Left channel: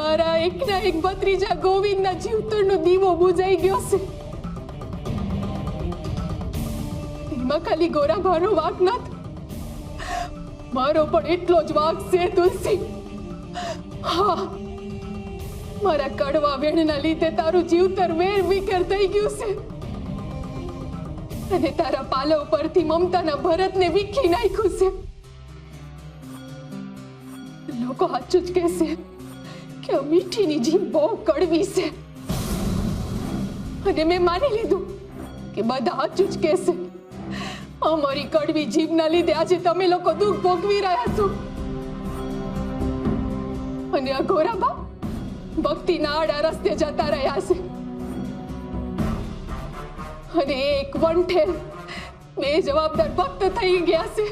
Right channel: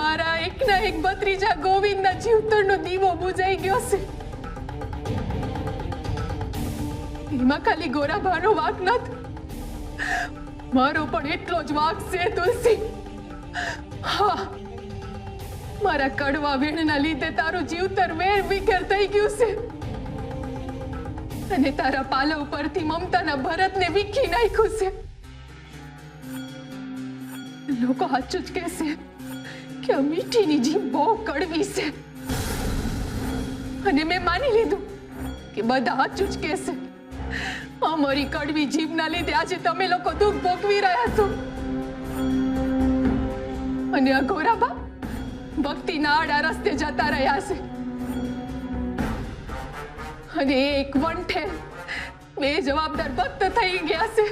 મારા એકના એક ભત્રીજા ગોવિંદના જીવતરનો દીવો બુજાઈ ગયો છે। એમાં ખાલી ગોરાભાનો વાંક નથી, મારો પણ એટલો જ વાંક છે તુલસી। હા, મારા કડવા વેણના લીધે તારું જીવતર વેર વિખેર થઈ ગયું છે અને તારા પાલવ પરથી મમતાના ભરતને વીખી નાખ્યું છે। લોકો સાચું જ કહેશે કે આ મીઠીની જીભ બહુ કડવી છે અને મેં માની લીધું કે બધા સાચું જ કહેશે। અમારી કડવી જીભના લીધે આજે તમે લોકો દુઃખ ભોગવી રહ્યા છો અને આ ગોરાબા ભક્તિના આડા રસ્તે જતા રહ્યા છે અને એક વંઠેલ બે જવાબદાર ભક્ત થઈ ગયા છે।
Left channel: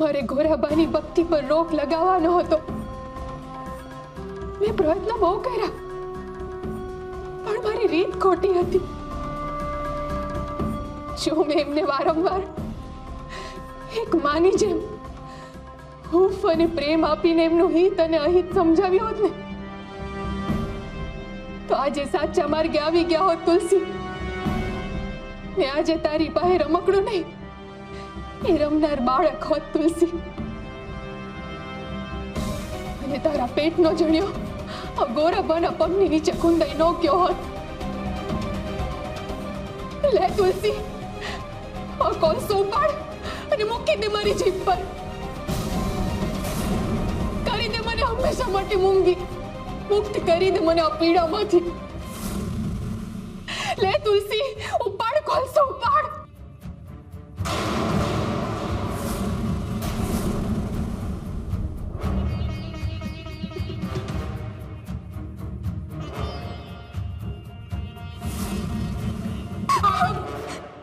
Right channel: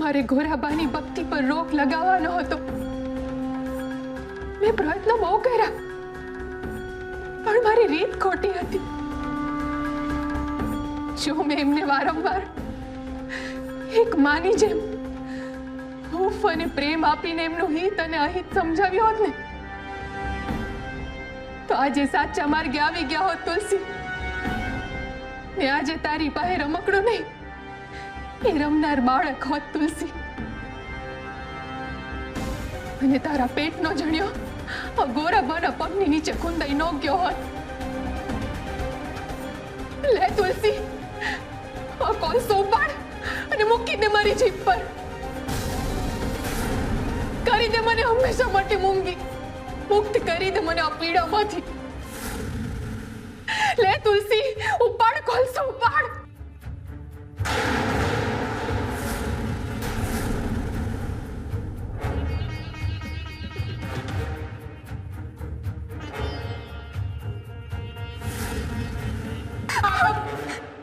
મારે ગોરાબાની ભક્તિ પર રોક લગાવવાનો હતો, મેં પ્રયત્ન બહુ કર્યા પણ મારી રીત ખોટી હતી। જો મેં એમને વારંવાર એક માની જેમ હૂફ અને પ્રેમ આપીને એમનું હિત અને અહિત સમજાવ્યો હોત ને તો આજે સાચા માર્ગે આવી ગયા હોત તુલસી। ને આજે તારી પાસે રમકડું નહીં, એ રમનાર બાળક હોત તુલસી। અને તારા પેટનો જણ્યો આ ગોરાબાના પગની નીચે કુંદાઈ ન ગયો હોત। લે તુલસી, આ કોલસો ઉપાડ અને મૂકી દે મારી જીભ પર, કરી દે મને હંમેશા માટે મૂંગી, મુક્ત કરી દે મને આ પીડામાંથી। લે તુલસી, ઉપાડ કોલસો ઉપાડ।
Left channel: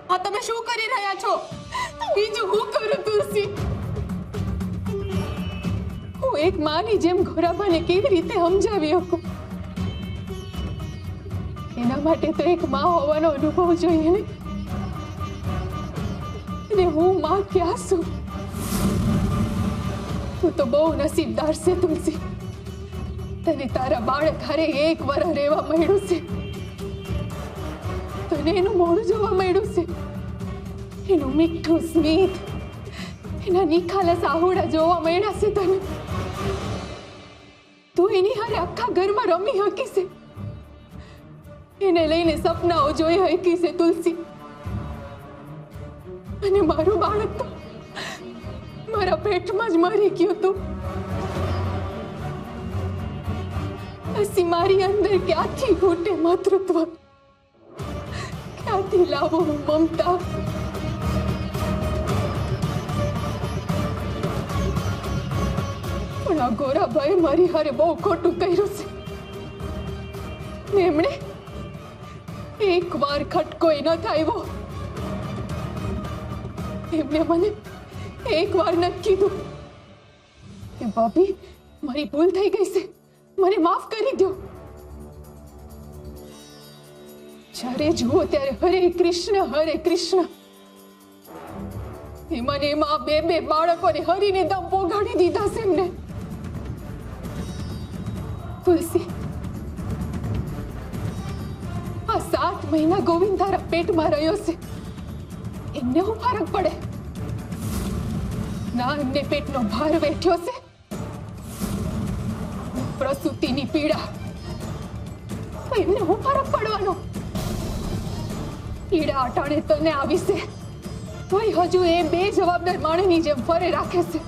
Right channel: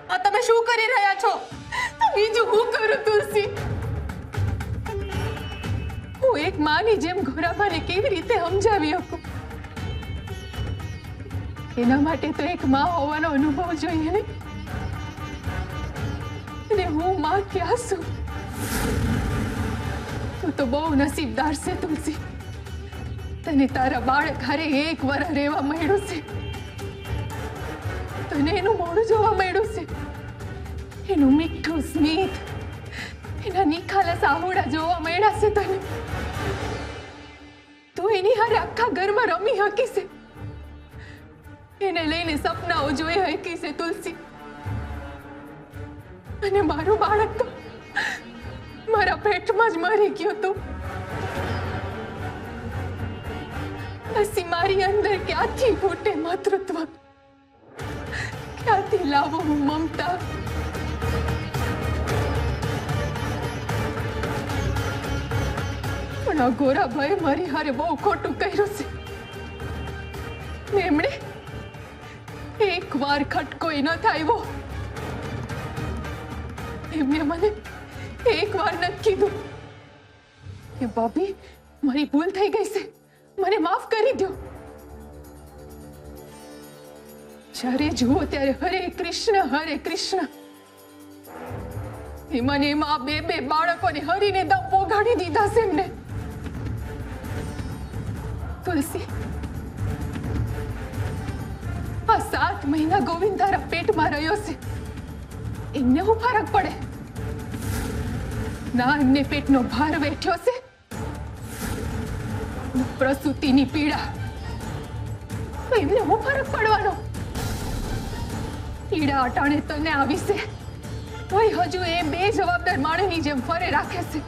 આ તમે શું કરી રહ્યા છો? બીજું હું કરું તુલસી? હું એક માની જેમ ગોરાબાને કેવી રીતે સમજાવી શકું? એના માટે તો એક માં હોવાનો અનુભવ જોઈએ ને। અને હું માં ક્યાં છું? તું તો બહુ નસીબદાર છે તુલસી, તને તારા બાળક હારે એક વર્ષ રહેવા મળ્યું છે, તને એનું મોઢું જોવા મળ્યું છે, એનું મીઠું સ્મિત, એના નિખાલસ આહુડા જોવા મળ્યા છે તને। તું એની હારે આખા ઘરમાં રમી હકી છે, એને લઈને સપનાઓ જોઈ હકી છે તુલસી। અને મારું બાળક તો મારા પેટમાં જ મરી ગયું તું। પછી મારી અંદર ક્યાંથી ફૂટે માતૃત્વ, ક્યાંથી લાવું હું મમતા? પણ આ ગોરાભાઈ મારી હારે બહુ ખોટું કર્યું છે। એમણે એક વાર ખટકોય ન થાયવો, એમને મને એક વાર નથી કીધું કે ભાભી મારી ભૂલ થઈ ગઈ છે, મને માફ કરી દો। જ્યારે જુઓ ત્યારે હરે કૃષ્ણ, એમાં ને એમાં બે બે બાળકોને હરીને દમ પોગાડી દીધા છે એમને। તુલસી, આ 7 મહિના ગોવિંદ તારા પેટમાં રહ્યો છે, એમને શું ફરક પડે? ના એમને પેટનો ભાર વેઠ્યો છે, પ્રસૂતિની પીડા, તો એમને શું ફરક પડવાનો? પીડા અટાણે તને આવી છે તોય હજુ એ બે જવાબદાર માણસની જેમ ફરે રાખે છે।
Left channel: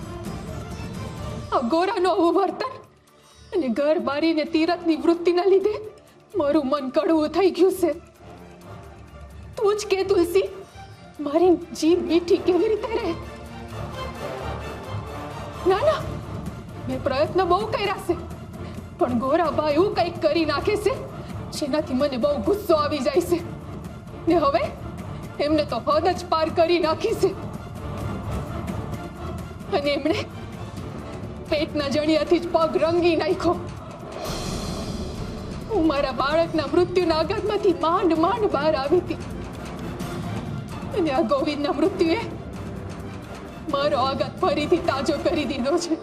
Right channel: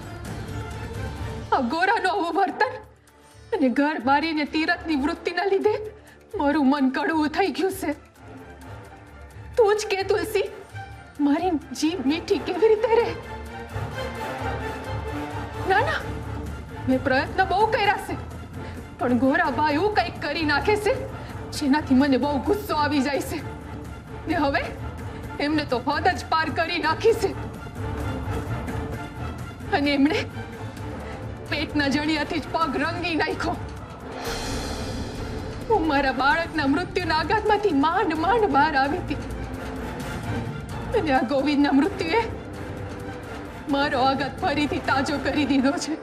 આ ગોરાનો આવું વર્તન અને ઘર બારીને તીરથની વૃત્તિના લીધે મારું મન કડવું થઈ ગયું છે। તું જ કે તુલસી, મારી જીભ મીઠી કેવી રીતે રહે? ના ના, મેં પ્રયત્ન બહુ કર્યા છે પણ ગોરાબા એવું કંઈક કરી નાખે છે જેનાથી મને બહુ ગુસ્સો આવી જાય છે ને હવે એમને તો હદ જ પાર કરી નાખી છે। અને એમણે પેટના જણિયાથી જ પગ રંગી નાખ્યો। હું મારા બાળકના મૃત્યુના આઘાતમાંથી માંડ બહાર આવી હતી અને આ ગોવિંદના મૃત્યુએ મારો આઘાત ફરીથી તાજો કરી દીધો છે।